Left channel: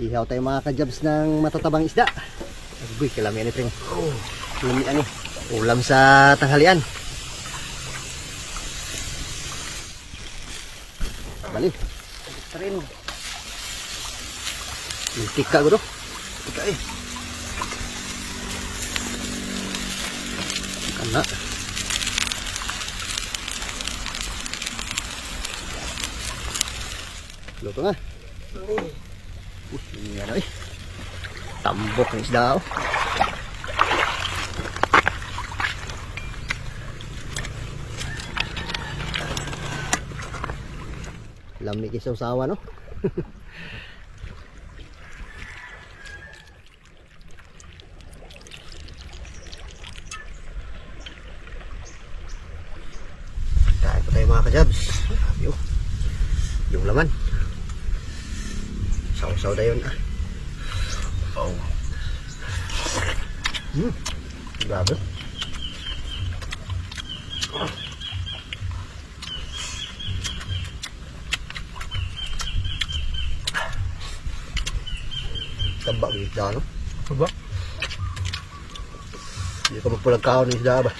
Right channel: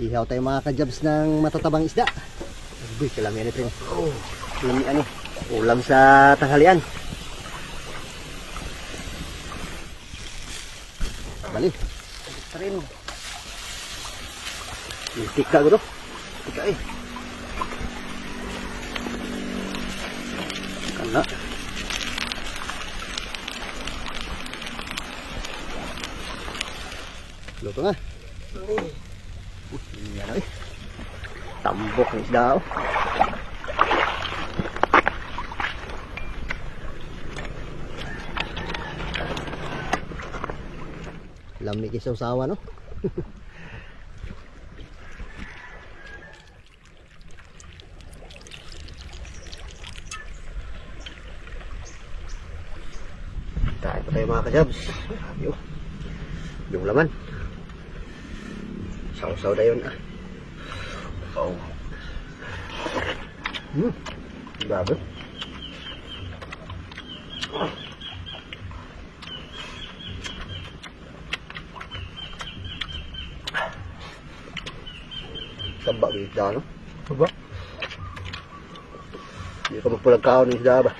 Ihaw tayo mga kajabs ng matatabang isda. Uy, kalami yan ito. Kalami ano. Ulam sa tanghalian. Bali. Trin. Tika ko do. Tika eh. Kana. Luto nga. Ini ano eh. Tambok ng isda oh. Lamig isaw sawa no. Kain pa tayo mga kajabs. Yung laman. Saw-saw na yun ah. Oh. Grabe. Taba ng isda no? Taba? Hindi ka magpulag kaon ng isda ba?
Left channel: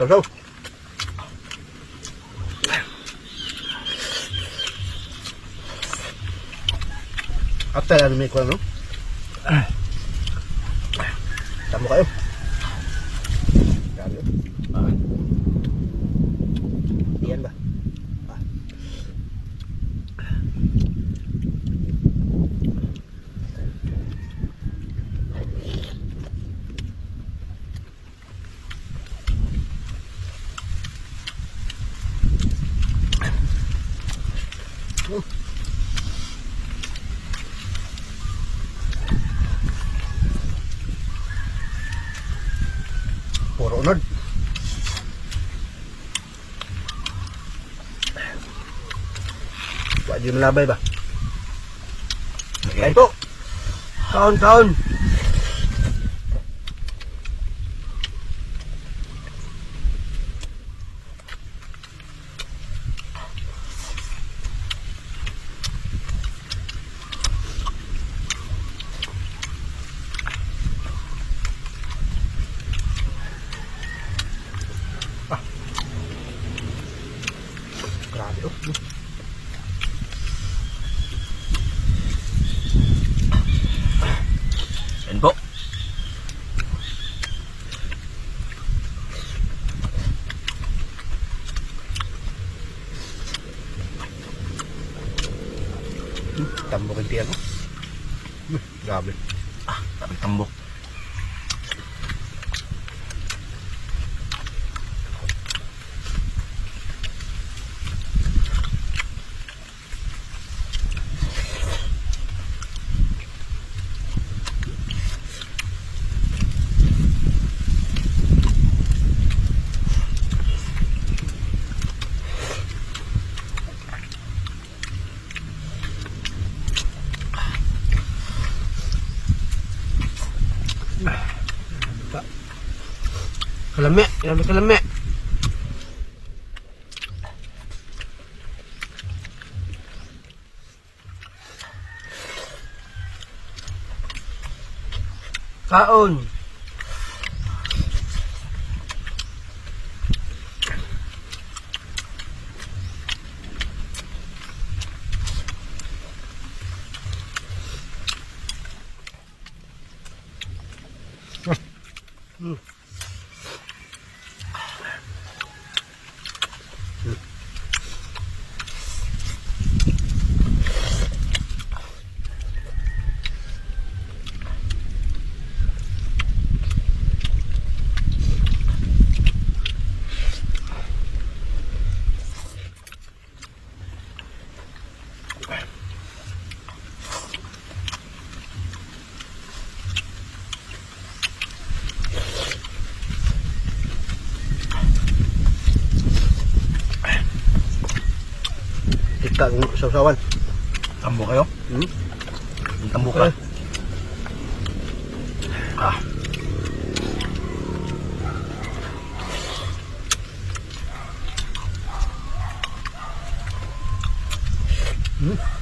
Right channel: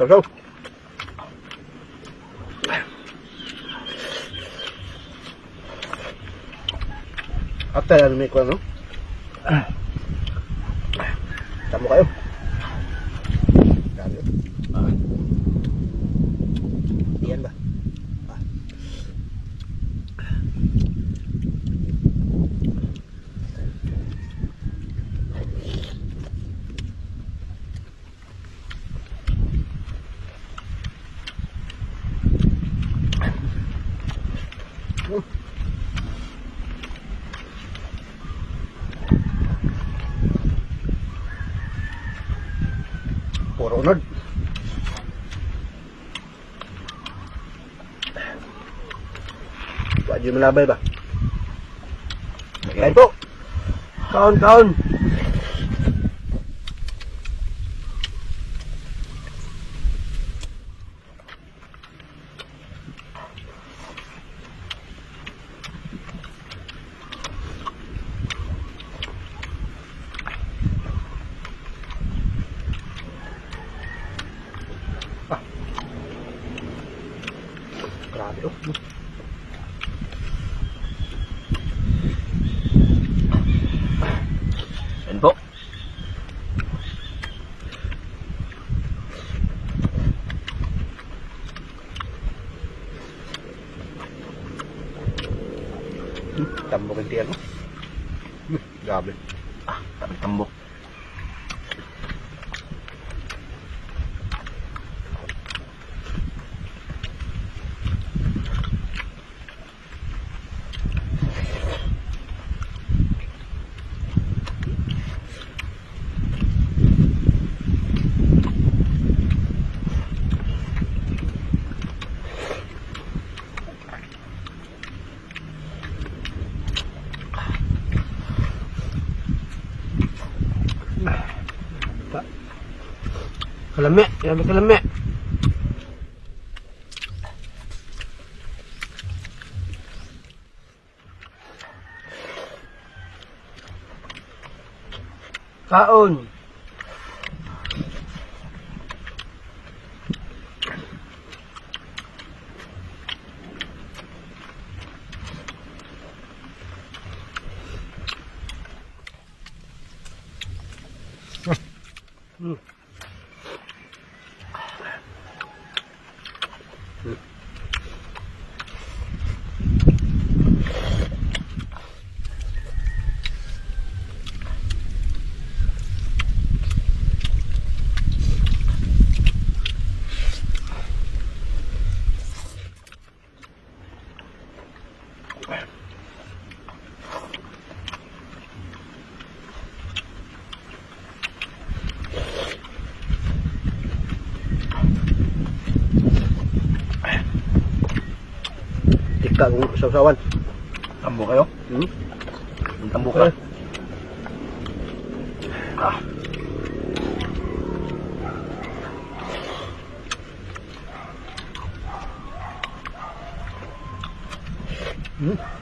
Saw-saw. After ano may kwan no? Tamo kayo. Dami. Diyan ba? Puro unod. Wadi malabay ba? Kain po. Kaon. Grabe oh. Yan po. Tambok yung tiyan oh. Grabe. Tambok. Kalame, kalame. Kaon. Tika kung sausawan. Tambo kayo? Tambo ka. Hmm.